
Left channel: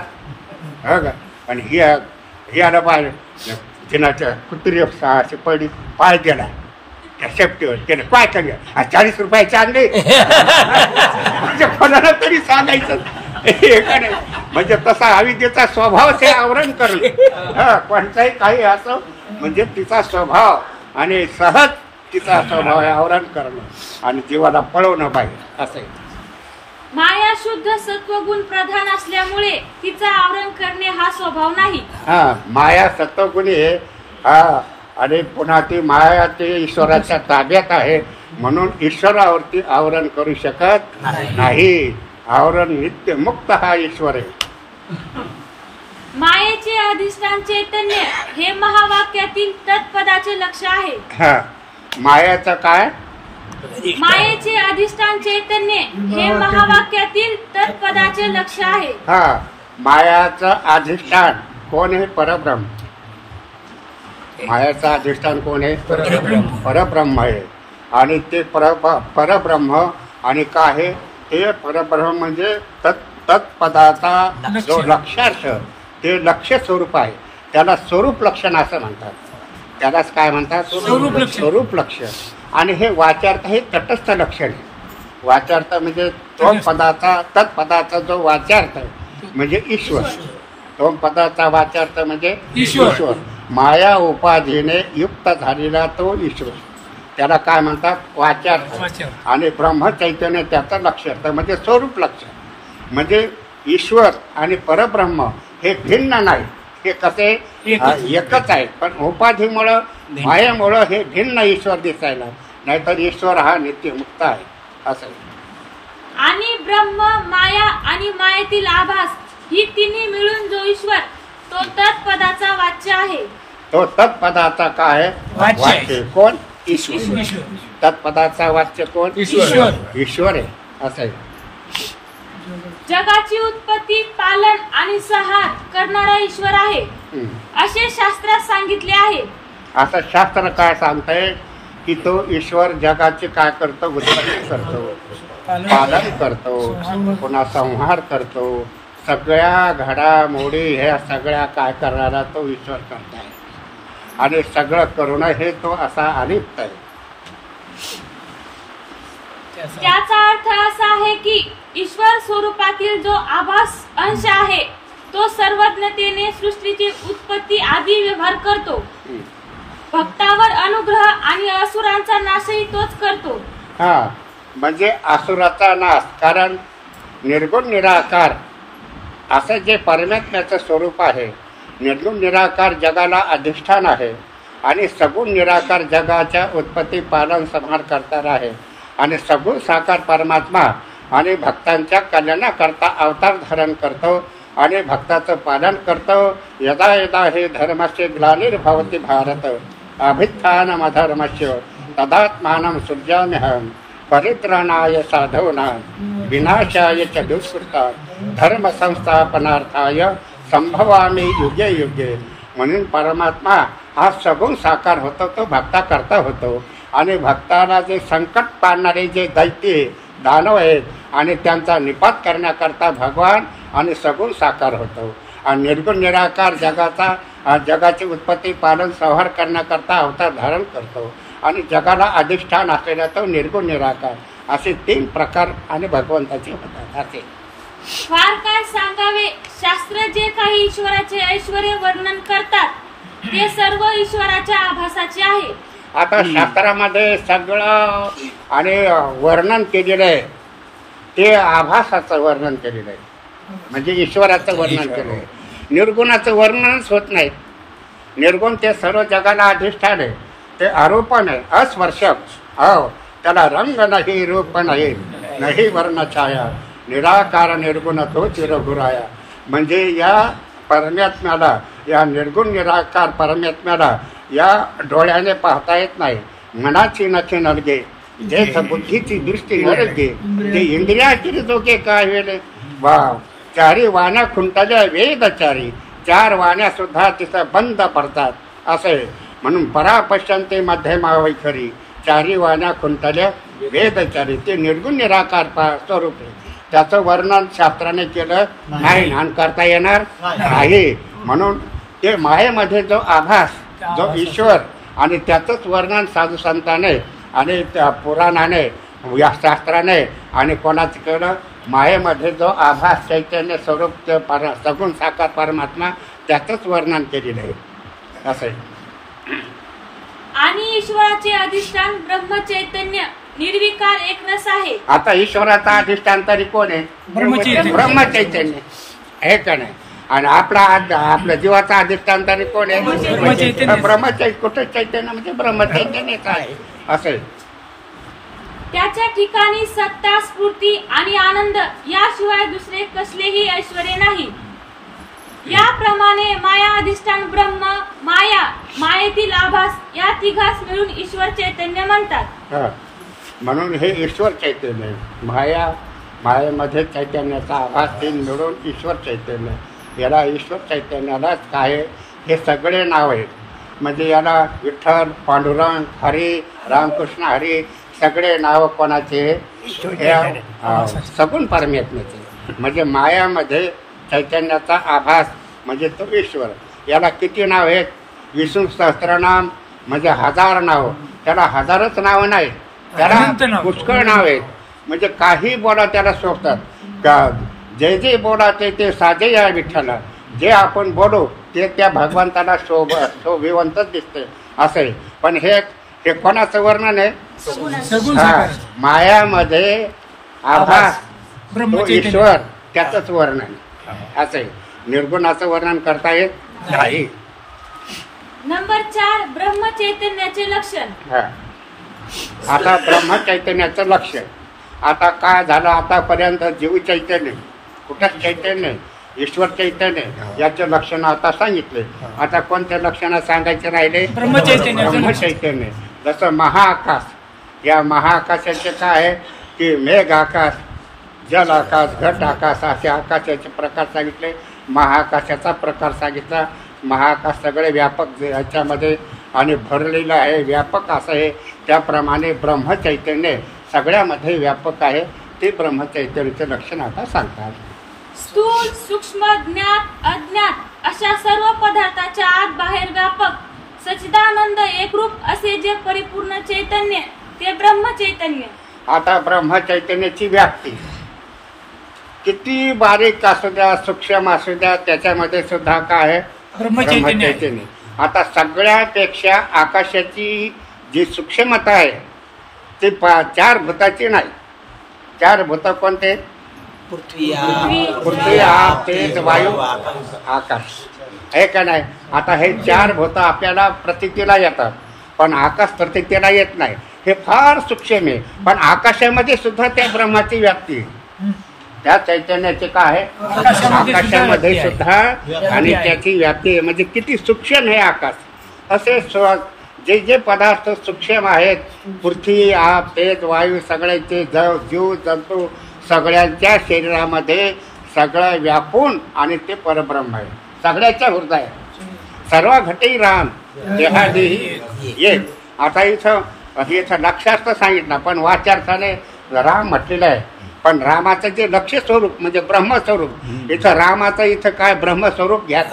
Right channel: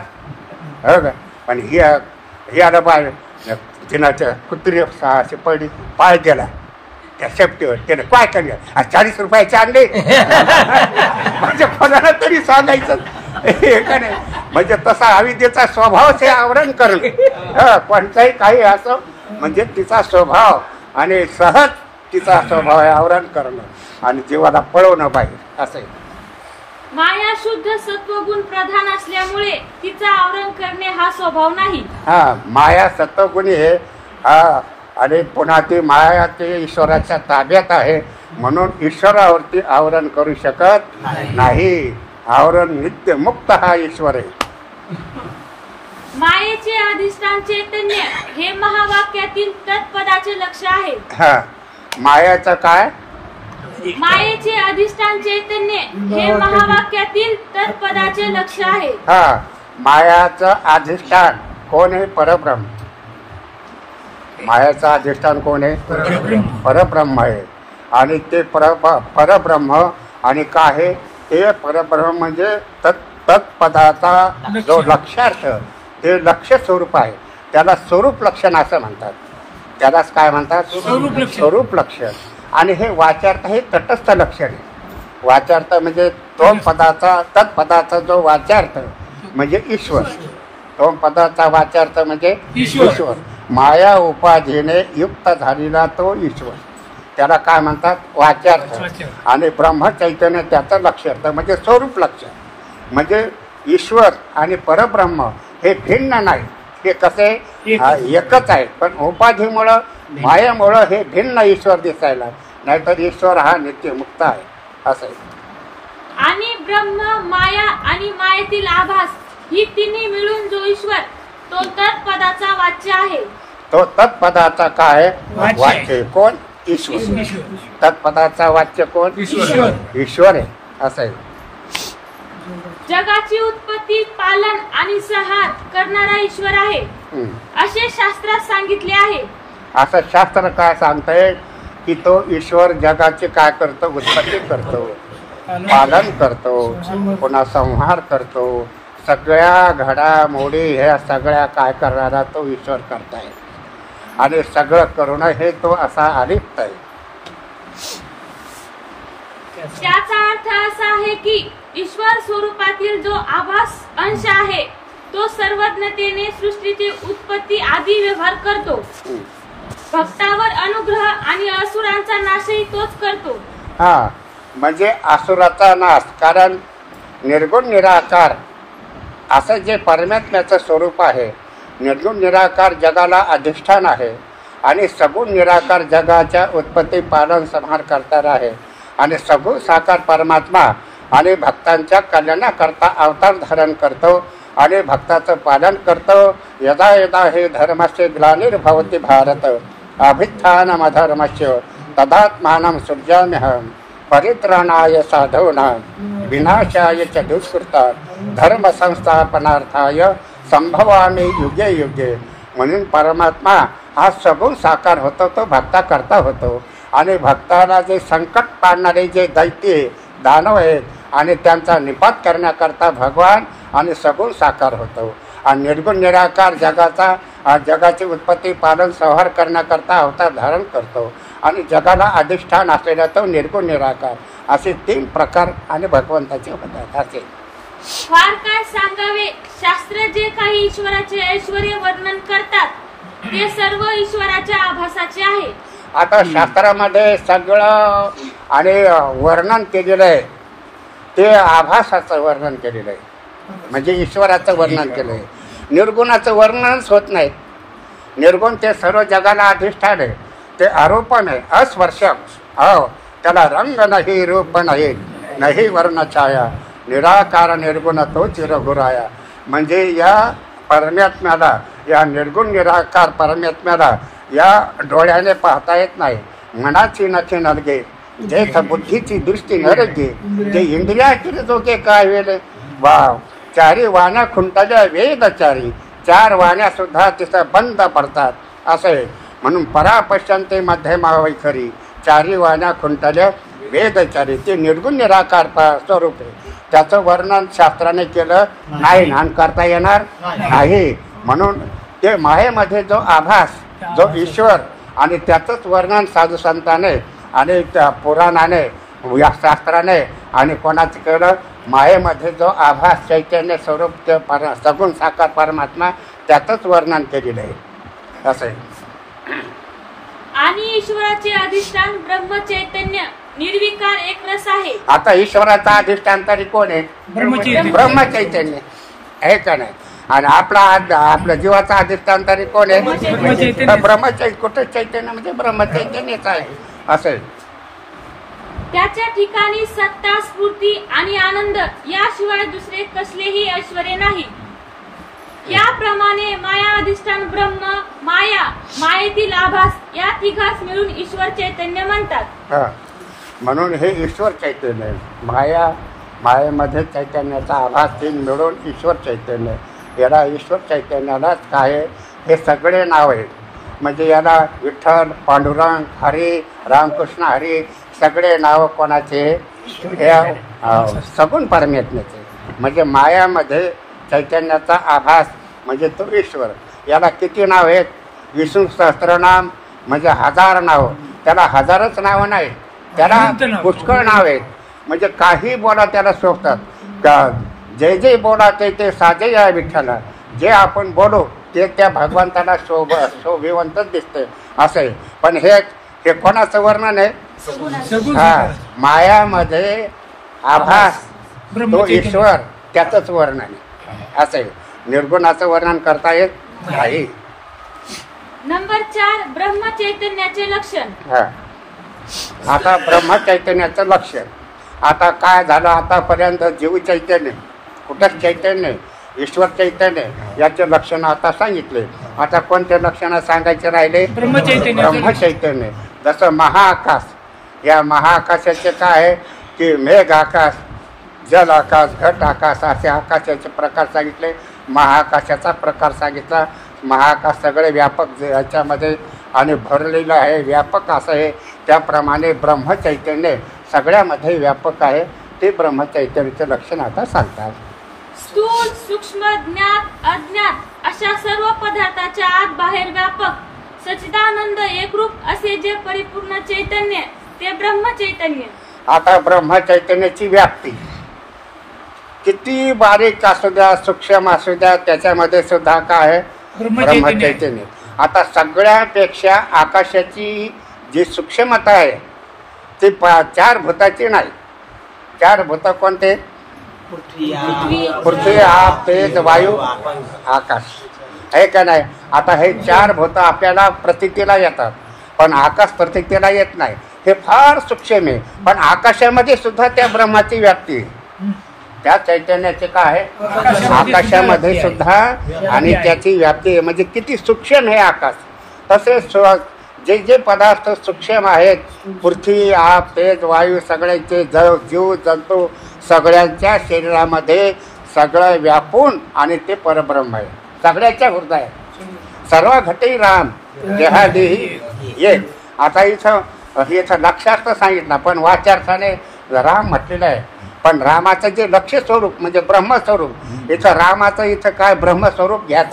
हो का. पण ही आला बाय तिनाच्या कुत्री असे पडली पाय गेला त्या शेपटीवर. त्याने काय केलं 40 रुपयाचे आणले म्हणजे कोणाला तरी सांगायचं हे का नाही. म्हणजे तसा अविद्येचा स्वभावच हे आवरण करणं. कोणताही काही असं म्हणजे तिचा स्वभाव आणि सहज तिचा स्वभाव हे आवरण करणं आणि जीवाला पळवणं पाहिजे असं. माया शुद्ध सत्वगुण प्रधान असल्यामुळे तिचा आवरण करणे हा स्वभाव नाही. हा, माया सत्वगुणी आहे. हा, आणि पुन्हा ती माया ती ईश्वराच्या ताब्यात आहे म्हणून ईश्वरावरती आवरण करू शकत नाही. आवरण नित्य मुक्त हा ईश्वर आहे. मायेचे अधिष्ठान चैतन्य हे महावाक्यातील तत्पदाचे लक्ष आहे. हा, मायाचं काय. मायेचे अधिष्ठान चैतन्य हे महावाक्यातील तत्पदाचे लक्ष आहे. हा, मायाचं अधिष्ठान कोण आहे. परब्रह्म. मायाचं अधिष्ठान कोण आहे. परब्रह्म आहे. आणि ते परब्रह्म आणि काय आहे ते परब्रह्म म्हणजे तत्पदाचा जो लक्षार्थ ते लक्ष स्वरूप आहे. त्याला स्वरूप लक्षण असं म्हणतात. त्यालाच काय म्हणतात स्वरूप लक्षण. आणि हे वाचार्थ हे तटस्थ लक्षण आहे. वाचार्थ म्हणजे तो पदाचा तत्पदाचा जो वाचार्थ म्हणजे ईश्वर. तो पदाचा वाचार्थ म्हणजे ईश्वर. माया उपाधीने युक्त झालेला तो ईश्वर त्याला काय म्हणतात वाचार्थ. आणि ब्रह्मचैतन्य त्याचं लक्षार्थ म्हणजे स्वरूप लक्षण. म्हणजे ईश्वर आणि परब्रह्म हे भिन्न नाही. हे कसे एकच आहे पण उपाधीमुळं मायामुळं हे भिन्न ईश्वर दिसायला. नाहीतर ईश्वर हा नित्य मुक्त आहे असं. आणि ब्रह्म माया आणि मायेतील आभास ही तिन्ही मिळून जो ईश्वर तो तत्पदाचा वाच्य आहे. तो तत्पदाचा काय वाच्य कोण ईश्वर. तत्पदाचा वाच्य कोण ईश्वर आहे असं आहे. जगाची उत्पत्ती पालन आणि संहार करणारा ईश्वर आहे असे शास्त्रात सांगितले आहे. असं शास्त्र काय सांगतंय की तो ईश्वर जगाचे काय करतो उत्पत्ती करतो पालन करतो पुन्हा संहार करतो. सगळ्या घडामोडी ह्या सगळ्या काय करणारा तो ईश्वर करताय आणि सगळं करून हे तो असा अलिप्त आहे. त्याचा अर्थ असा आहे की ईश्वर स्वरूपातील जो आभास अंश आहे तो सर्वज्ञतेने सृष्टीची उत्पत्ती आदी व्यवहार करतो. भक्तावर अनुग्रह आणि असुरांचा नाशही तोच करतो. हा, म्हणजे असुराचा नाश. कारण निर्गुण निराकार असं जे परमात्म्याचं स्वरूप आहे. निर्गुण निराकार जगाला अधिष्ठान आहे आणि सगुण निराकार जगाच्या उत्पत्ती पालन संहार करणारा आहे. आणि सगुण साकार परमात्मा आणि भक्तांच्या कल्याणाकरता अवतार धारण करतो आणि भक्ताचं पालन करतो. यदा यदा हे धर्माचे ग्लानिर्भवति भारत अभित्थानमधर्मस्य तदात्मानं सृजाम्यहं परित्राणाय साधूनां विनाशाय च दुष्कृतां धर्म संस्थापनार्थाय संभवामी युगे युगे. म्हणून परमात्मा हा सगुण साकार होतो, तो भक्ता करता होतो. आणि भक्ताला जे संकट पाडणारे जे दैत्य दानव आहेत आणि त्यांचा निपात करण्याकरता भगवान आणि सगुण साकार होतो. आणि निर्गुण निराकार जगाची उत्पत्ती पालन संहार करण्याकरता अवतार धारण करतो. आणि जगाला अधिष्ठान असलेला तो निर्गुण निराकार, असे 3 प्रकार आणि भगवंताचे होतात. असे फार काय सांगावे. शास्त्र जे काही ईश्वराचे ऐश्वर्य वर्णन करतात ते सर्व ईश्वराच्या आभासाचे आहे. आता शास्त्रामध्ये सगळं आणि वर्णन केलेलं आहे ते आभासाचं वर्णन केलेलं आहे, म्हणजे ईश्वराचं वर्णन केलं आहे. निर्गुणाचं वर्णनच होत नाही. निर्गुण ते सर्व जगाला अधिष्ठान आहे, ते आरोपण आहे, अस्पर्शक. हो, त्याला रंग नाही, रूप नाही, नाही वर्ण छाया, निराकार निर्गुण तो चिरगुराया. म्हणजे या परमात्म्याला, या निर्गुण निराकार परमात्म्याला या डोळ्याने पाहता येत नाही. मनाची नखे नलगे जे बुद्धीची दृष्टी नरगे ते इंद्रियाची जोगे काय वेळे. वाव, 4 वाण्या खुंटल्या वेदचारी, 4 वाण्या सुद्धा तिथं बंद पडतात असे. म्हणून परापश्यंते मध्यमावै खरी, 4 वाण्या खुंटल्या वेदचारी. ते निर्गुण निराकार स्वरूप आहे. त्याचं वर्णन शास्त्राने केलं नाही आणि करता येणार नाही. म्हणून ते मायेमध्ये जो आभास, जो ईश्वर, आणि त्याचंच वर्णन साधू संताने आणि पुराणाने, शास्त्राने आणि कोणाचं केलं. मायेमध्ये जो आभास चैतन्य स्वरूप ते सगुण साकार परमात्मा, त्याचंच वर्णन केलेलं आहे असं आहे. आणि ईश्वराचे अधिष्ठान ब्रह्म चैतन्य निर्विकार एक रस आहे. आता ईश्वराचा अधिष्ठान तरी कोण आहे? ब्रह्मचैतन्य आहे का नाही. आणि आपला जीवाचा अधिष्ठान तरी कोण आहे? ब्रह्मचैतन्य. कुठे चैतन्य म्हणजे ब्रह्मचैतन्यच आहे असं आहे. त्याच्या ठिकाणी सत्ता, स्फूर्ती आणि आनंद याशिवाय दुसरे कसलेही ऐश्वर्य नाही. याप्रमाणे माया, अधिष्ठान, ब्रह्म, माया, मायेतील आभास या तिघास मिळून ईश्वर चैतन्य म्हणतात. म्हणून हे ईश्वर चैतन्य आहे. मायेमध्ये चैतन्याचा आभास 3 मिळून ईश्वर चैतन्य. याला ईश्वर चैतन्यालाच काय, हे सगळे नाव आहेत. म्हणजे याला विठ्ठल, पांडुरंग, हरी, रामकृष्ण हरी सगळे नाव कोणाचे? सगुण परमात्म्याचे. म्हणजे मायामध्ये चैतन्याचा आभास म्हणजे तो ईश्वर. याला किती नाव आहेत? विष्णू सहस्त्रनाम म्हणजे 1000 नाव. त्याला 1000च नाव नाही, त्याला पुष्कळ नाव आहेत. म्हणजे काही बोला त्याला शोभतात. जे जे बोला ते साजे या विठ्ठला. जे आपण बोलू ते त्या भगवंताला शोभिवंतच दिसते असं आहे. पण हे कोणाचं वर्णन आहे? मायामध्ये आभास तो ईश्वर, त्याचंच वर्णन असं आहे. निर्गुणाचं वर्णन करता येत नाही. नंबर 4 ब्रह्म चैतन्याचे लक्षण. आता ब्रह्म चैतन्याचं लक्षण आता काय झालं? आतापर्यंत जीव चैतन्य, कुठं चैतन्य, ईश्वर चैतन्य याचे लक्षण आता सांगितले. आता कोणते लक्षण सांगायचे राहिले? ब्रह्म चैतन्य. जसं महाआकाश, या महाआकाशाचे काय आहे की मेघ आकाश, जल आकाश, घट आकाश असे आकाशाचे प्रकार सांगितले. महाआकाशाचा प्रकार सांगितला. महाआकाश सगळे व्यापक याच्यामध्ये आणि भरलेलं आहे, व्यापक असं आहे. त्याप्रमाणे ब्रह्मचैतन्य सगळ्यामध्ये व्यापक आहे. ते ब्रह्मचैतन्याचं लक्षण आता सांगतात. स्थूल, सूक्ष्म, ज्ञात, अज्ञात अशा सर्व पदार्थाच्या आत बाहेर व्यापक सच्चिदानंद एकरूप असे जे परिपूर्ण चैतन्य ते ब्रह्मचैतन्य. आता ब्रह्मचैतन्याची व्याप्ती किती बारीक असू द्या, सूक्ष्म असू द्या, त्याच्यामध्ये सुद्धा काय आहे? ब्रह्मचैतन्य. आता सगळ्यापेक्षा आकाशाची जी सूक्ष्मता आहे ती 4 भूताची नाही. 4 भूत कोणते? पृथ्वी, आप, तेज, वायू, आकाश आहे का नाही. आता हे 4 भूत आपल्याला प्रतीतीला येतात, पण आकाश प्रतीतीला येत नाही. हे फार सूक्ष्म आहे. पण आकाशामध्ये सुद्धा त्या ब्रह्माची व्याप्ती आहे. त्या चैतन्याचे काय आहे आकाशामध्ये सुद्धा, आणि त्याची व्याप्ती म्हणजे किती सूक्ष्म आहे आकाश. तसेच जे जे पदार्थ सूक्ष्म आहेत, पृथ्वी, आप, तेज, वायू, सगळ्यांचे जीव जंतू सगळ्यांच्या शरीरामध्ये सगळं व्यापून आणि ते परब्रह्म आहे, सगळ्याच्या हृदय, सर्व घटी राम देहादेही ये. आता इथं लक्षार्थ सांगितलं, पण वाच्यार्थाने राम म्हटलेलं आहे. पण रामाचं जे लक्ष्य स्वरूप म्हणजे ब्रह्मस्वरूप, इथं रामाचं इथं काय ब्रह्मस्वरूप घ्या.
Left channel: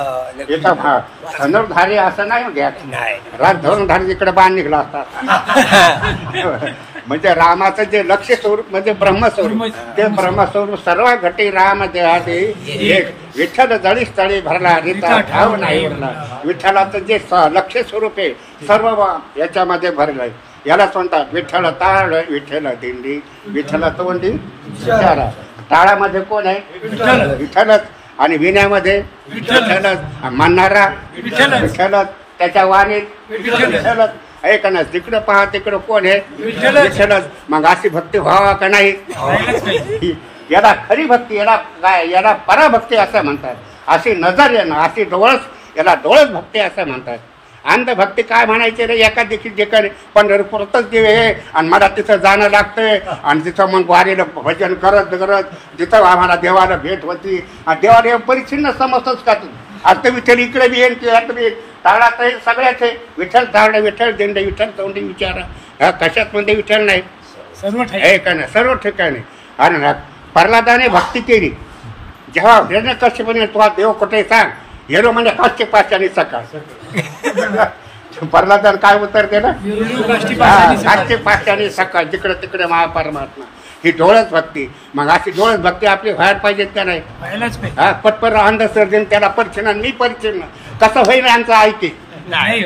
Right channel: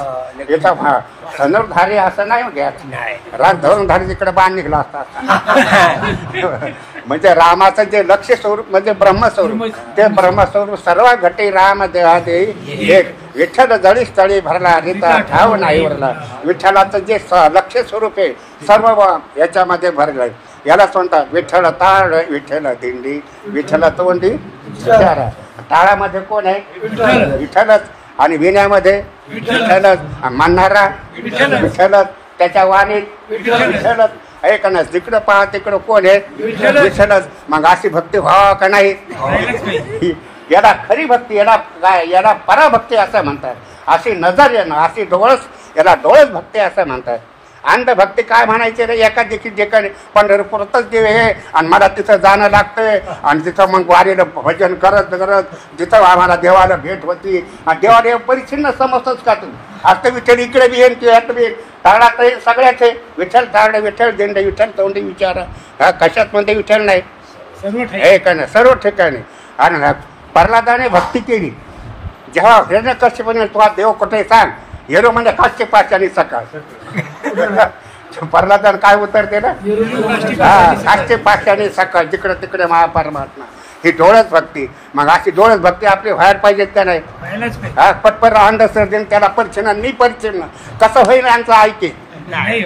इथं धनुर्धारी असं नाही घ्या, राम धनुर्धारी तिकडे बाण निघला असता. म्हणजे रामाचं जे लक्ष्य स्वरूप म्हणजे ब्रह्मस्वरूप, ते ब्रह्मस्वरूप सर्व घटी राम देहादे एक. विठ्ठल जळी स्थळी भरला रिता ठाव नाही भरला. विठ्ठलाचं जे लक्ष्य स्वरूप आहे सर्व याच्यामध्ये भरलंय. यालाच म्हणतात विठ्ठल ताळ, विठ्ठल दिंडी, विठ्ठल तोंडी विचारा. टाळामध्ये कोण आहे विठ्ठलच, आणि विण्यामध्ये विठ्ठलच, म्हणणारा विठ्ठलच, त्याच्या वाणीत विठ्ठलच. ऐकणच जिकडं पहा तिकडं कोण आहे विठ्ठलच. मग अशी भक्ती व्हावा का नाही? याला खरी भक्ती, याला पराभक्ती असं म्हणतात. अशी नजर येणं, अशी डोळस, याला डोळस भक्ती असं म्हणतात. अंधभक्ती काय म्हणायचे रे, एका देखील जे काही पंढरपूरच देव आहे आणि मला तिथं जाणं लागतंय, आणि तिथं मग वारीला भजन करत करत जिथं आम्हाला देवाला भेट होती, देवाला परिच्छिन्न समजतोच का तू? आता विठ्ठल इकडे बी येईल तिकडे बी, ताडात येईल सगळ्याच आहे. विठ्ठल तांडे, विठ्ठल दिंड, विठ्ठल तोंडी विचारा. हा कशात म्हणते विठ्ठल नाही, हे का नाही सर्व ठिकाणी. आणि प्रल्हादाने भक्ती केली. जेव्हा हिरण्यकश्यपाने तुला देव कुठे सांग, हेरो म्हणजे 500 सकाळ. प्रल्हादान काय उत्तर केलं? 500 सकाळ, जिकडे तिकडे महापरमात्मा. ही डोळस भक्ती. मग अशी डोळस भक्ती आपली व्हायला पाहिजेत का नाही? पटपर अंधश्रद्धेने त्याला परिचिन्न मी परिचिन्न तसं होईल आमचं ऐके.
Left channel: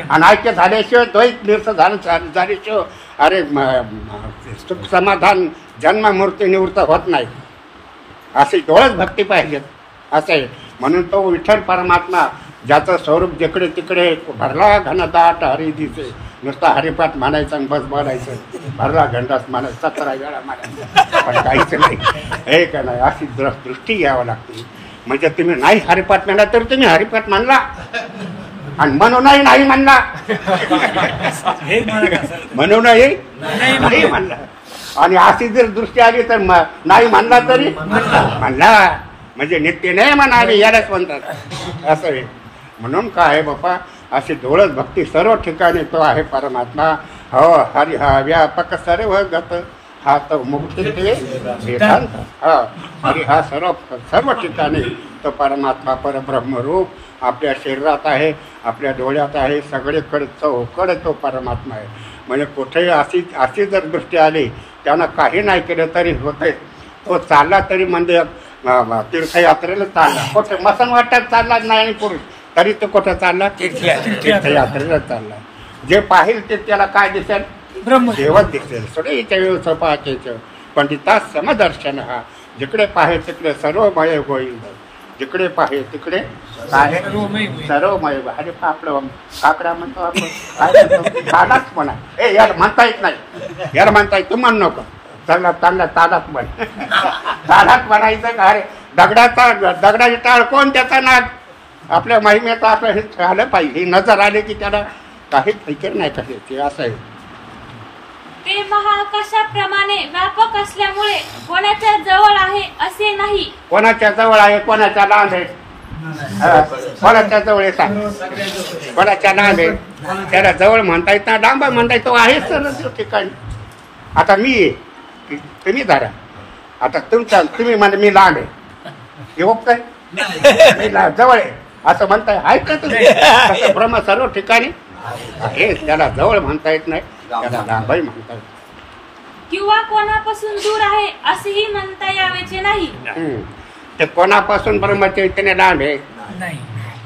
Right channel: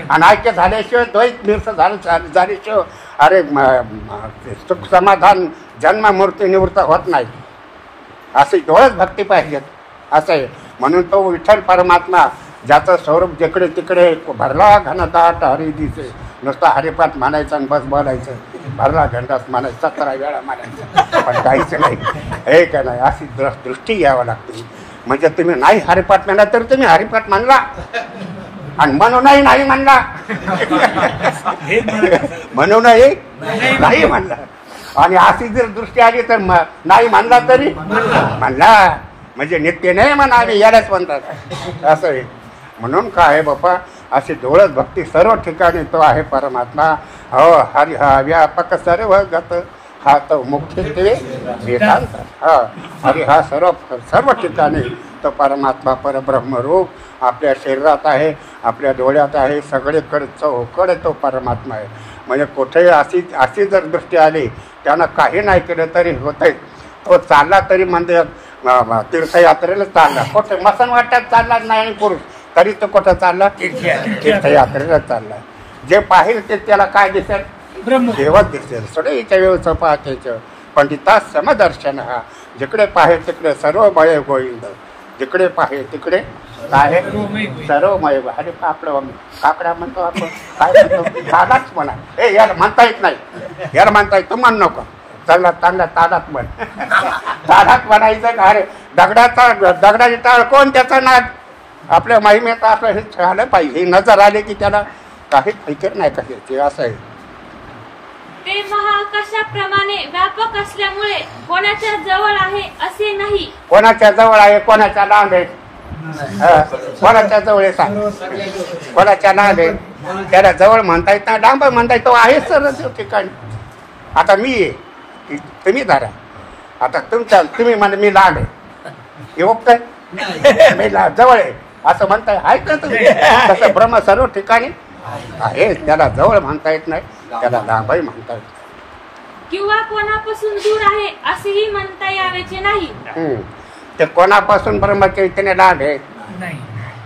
आणि ऐक्य झाल्याशिवाय द्वैत निरस झाल्याशिवाय अरे सुख समाधान जन्म मूर्ती निवृत्त होत नाही. अशी डोळस भक्ती पाहिजेत असं आहे. म्हणून तो विठ्ठल परमात्मा ज्याचं स्वरूप जिकडे तिकडे भरला घनदाट हरी दिसे. नुसता हरिपाठ म्हणायचं आणि बस बोलायचं, भरला घंटाच म्हणायचं, 17 वेळा म्हणायचं, पण काहीच नाही. हे का नाही, अशी दृष्टी घ्यावी लागते. म्हणजे तुम्ही नाही हरिपाठ म्हणला तर तुम्ही हरिपाठ म्हणला, आणि म्हणूनही नाही म्हणला, म्हणूनही नाही म्हणला. आणि अशी जर दृष्टी आली तर नाही म्हणला तरी म्हणला, म्हणजे नित्य नाही म्हणावे यालाच म्हणतात असं आहे. म्हणून काय बाप्पा, अशी डोळस भक्ती सर्व ठिकाणी तो आहे परमात्मा. हो हरि हा व्यापक सर्व गत, हा तो मुख्य वेदांत. हा हरि हा सर्व ठिकाणी तो परमात्मा परब्रह्मरूप आपल्या शरीरात आहे, आपल्या डोळ्यात आहे, सगळीकडे चौकडे तो परमात्मा आहे. म्हणजे कुठेही अशी जर दृष्टी आली, त्यानं काही नाही केलं तरी होतंय. तो चालला तरी म्हणजे तीर्थयात्रेला चालला, कुठे मसन वाटत चालला नाही पुरुष तरी तो कुठं चालला तीर्थयात्रेला चालला. जे पाहिजे ते त्याला काय दिसेल? देवच दिसेल. सगळ्याच्या व्यवस्था पाहायचं. पंडिता समदर्शन हा, जिकडे पाहे तिकडे सर्वमय गोविंद, जिकडे पाहे तिकडे आहे सर्वमय. अरे काकडा म्हणतो आपण, काय म्हणतो ताडाच म्हणा. हे याला म्हणता येत नाही, याला म्हणता येत, तू म्हण नको, चालला चांगला ताडात म्हण. ताडात म्हणायचं. अरे दगडाची टाळ कोण त्याचा नाद? आपल्या महिमेत असं हे झालं पाहिजे. ही नजर आली की त्याला काही फिकर नाही करायची असं आहे. ते महाआकाशाप्रमाणे व्यापक असल्यामुळे कोणाच्या जवळ आहे असे नाही. कोणाच्या जवळ आहे, कोणाच्या लांब आहे, कोणाच्या जवळ सांग, कोणाच्या लांब आहे. त्याला जवळ म्हणता येत नाही, लांब म्हणता येतो आहे सर्व ठिकाणी. आता मी तुम्ही धरा, आता तुम्ही म्हणजे मी लांब आहे, येऊ काय मी जवळ आहे असं म्हणताय आहे का तुम्ही? तसं ब्रह्म सर्व ठिकाणी आहे. त्याला जवळ म्हणता येत नाही, त्याला लांबही म्हणता येत. किंवा कोणापासून दूर आहे असेही म्हणता यावेचे नाही. ते कोणापासून ब्रह्मचैतन्य लांब आहे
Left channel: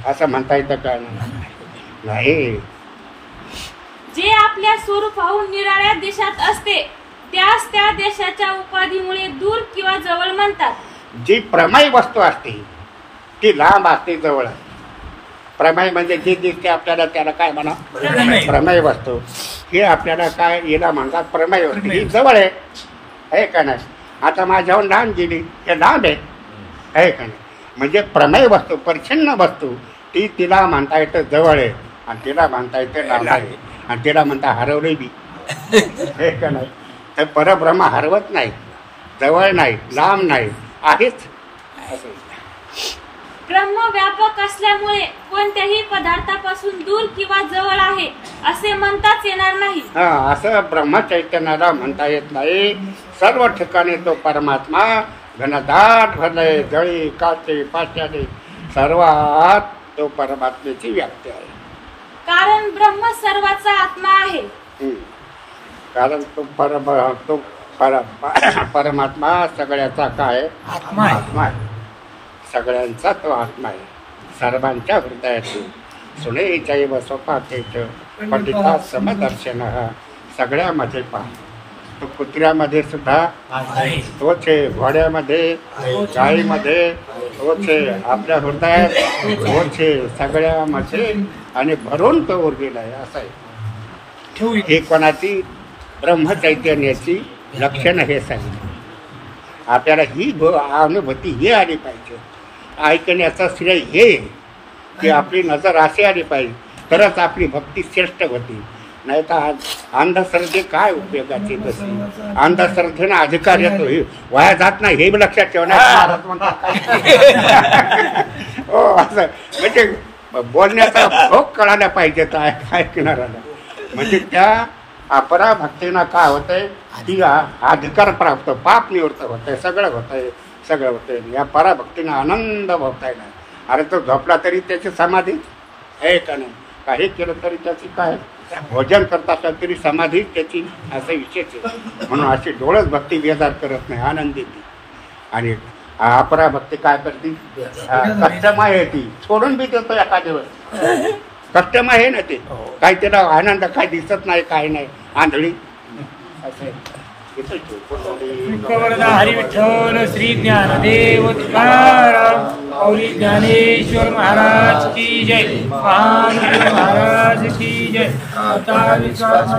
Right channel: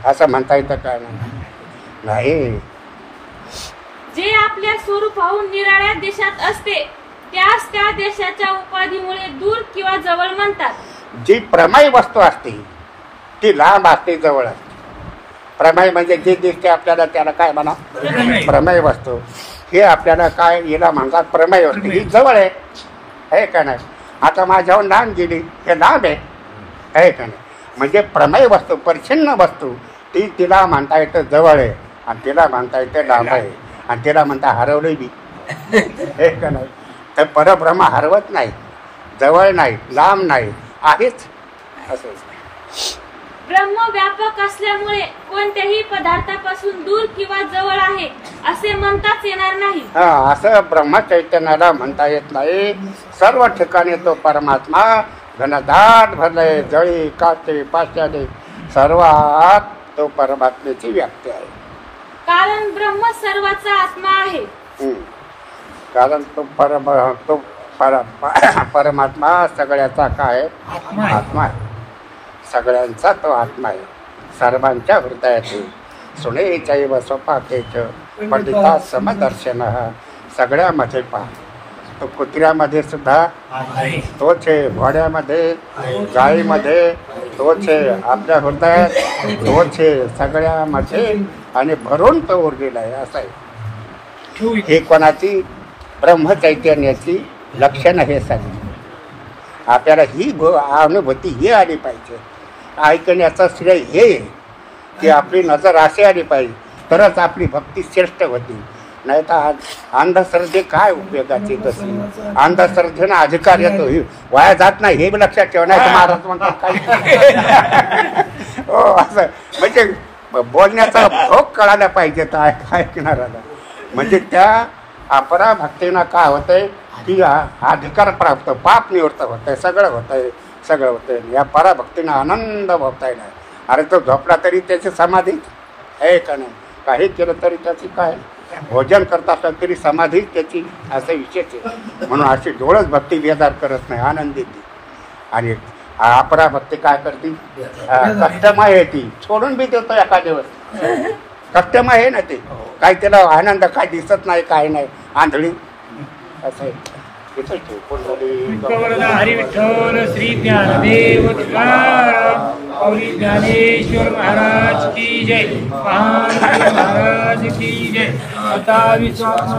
असं म्हणता येतं का? नाही. जे आपल्या स्वरूपाहून निराळ्या देशात असते त्यास त्या देशाच्या उपाधीमुळे दूर किंवा जवळ म्हणतात. जी प्रमेय वस्तू असते ती लांब असते, जवळ असते. प्रमेय म्हणजे जे दिसते आपल्याला त्याला काय म्हणा? प्रमेय वस्तू. हे आपल्याला काय याला म्हणतात? प्रमेय वस्तू. ही जवळ आहे का नाही? आता माझ्यावर लांब गेली, हे लांब आहे का नाही. म्हणजे प्रमेय वस्तू, परिच्छिन्न वस्तू, ती तिला म्हणता येतं जवळ आहे आणि तिला म्हणता येतं लांब आहे आणि तिला म्हणता हरवले बी. हे का नाही. तर परब्रह्म हरवत नाही, जवळ नाही, लांब नाही, आहेच असं. ब्रह्म व्यापक असल्यामुळे कोणत्याही पदार्थापासून दूर किंवा जवळ आहे असे म्हणताच येणार नाही. असं ब्रह्मचैतन्याला म्हणता येत नाही. सर्व ठिकाणी तो परमात्मा घनदाट भरले, जळी काचे पाशाने सर्वात तो परमात्म्याची व्याप्ती आहे. कारण ब्रह्म सर्वाचा आत्मा आहे. कारण तो परमात्मा सगळ्याचा काय आत्मा आहे. सगळ्यांचा तो आत्मा आहे. सर्वांच्या हृदयात सुने चैव स्वपातेच पंडिता समदर्शन. सगळ्यामध्ये पहा, तो कुत्र्यामध्ये सुद्धा तोच आहे, घोड्यामध्ये, गायीमध्ये तोच आहे, आपल्या हृदयात तोच आहे, सगळ्यामध्ये आणि भरून तो उरलेला आहे. असं आहे. ही कोणाची ब्रह्मचैतन्याची लक्षणं हे सांगितली. आपल्याला ही अनुभूती ही आली पाहिजे. ऐकण्याचं श्रेय हे की आपली नजर अशी आली पाहिजे, तरच आपली भक्ती श्रेष्ठ होती. नाही तर अंधश्रद्धे काय उपयोगाची. तशी अंधश्रद्धेनं अधिकार येतो, वाया जात नाही हे लक्षात ठेवण्याचं महाराज म्हणतात. हो, असं म्हणजे बोलण्याचा भोग कळायला पाहिजे तर ऐकणाऱ्याला. म्हणजे त्या अपरा भक्तीनं काय होतंय की अधिकार प्राप्त, पाप निवृत्त होतंय, सगळं होतंय. या पराभक्तीनं आनंद भोगताय नाही. अरे तो झोपला तरी त्याची समाधी आहे का नाही, काही केलं तरी त्याची काय, भोजन करत असला तरी समाधी त्याची, असं विशेष आहे. म्हणून अशी डोळच भक्ती बेजार करत नाही, आनंदी ती. आणि अपरा भक्ती काय करते, कष्टमय आहे ती, सोडून बी देतो एका दिवस. कष्टमय आहे ना ते, काय त्याला आनंद काय दिसत नाही, काय नाही, आंधळी असं आहे. हरी विठ्ठल श्री ज्ञानदेव तुकाराम औरी ज्ञानेश्वर महाराज की जय, महाराज की जय. आता विश्वास